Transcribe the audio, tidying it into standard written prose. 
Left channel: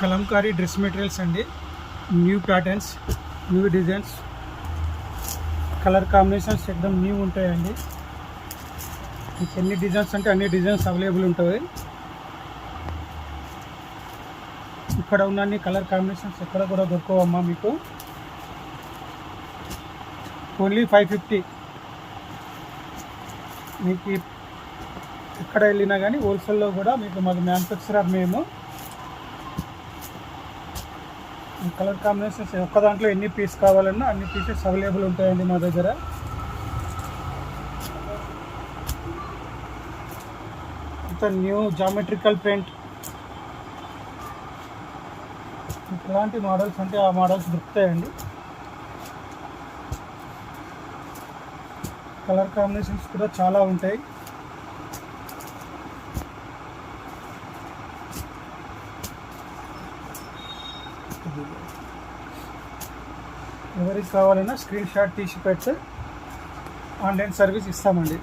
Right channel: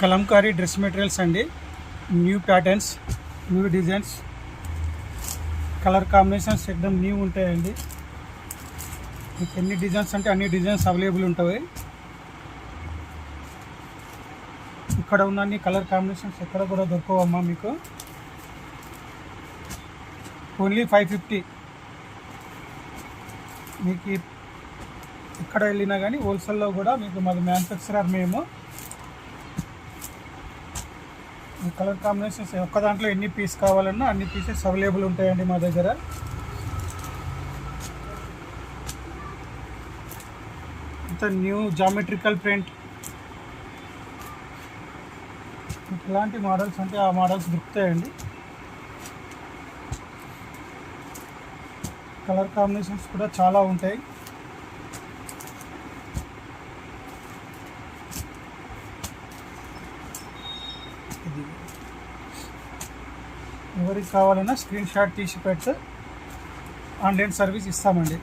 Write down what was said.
Kalamkari dress materials అండి. New patterns, new designs, colour combinations ఎక్దమ్ new ఉంటాయండి. మీకు ఎన్ని డిజైన్స్ అంటే అన్ని డిజైన్స్ అవైలబుల్ ఉంటాయి. ఇక్కడ ఉన్న అన్ని కలర్ కాంబినేషన్స్ ఎక్కడ కూడా దొరకవమ్మా మీకు. ఓన్లీ 550. మీకు ఎక్కడ వెళ్ళినా కానీ హోల్సేల్లో కూడా మీకు మాకు మ్యానుఫ్యాక్చరర్ మేము. ఈ కలర్ కాంబినేషన్స్ ఒక్క దాంట్లో ఎన్ని పీస్ కావాలన్నా అన్ని పీసెస్ అవైలబుల్ ఉంటాయండి మా దగ్గర. ఇంత న్యూ జామెట్రికల్ ప్రింట్, ఎలాంటి మోడల్స్ అంటే ఆ మోడల్స్ దొరుకుతాయండి. కలర్ కాంబినేషన్స్ కూడా చాలా ఉంటాయి. ఎవరికి కావాలన్నా స్క్రీన్ షాట్ తీసి పెడితే ఆన్లైన్ సర్వీస్ ఇస్తామండి.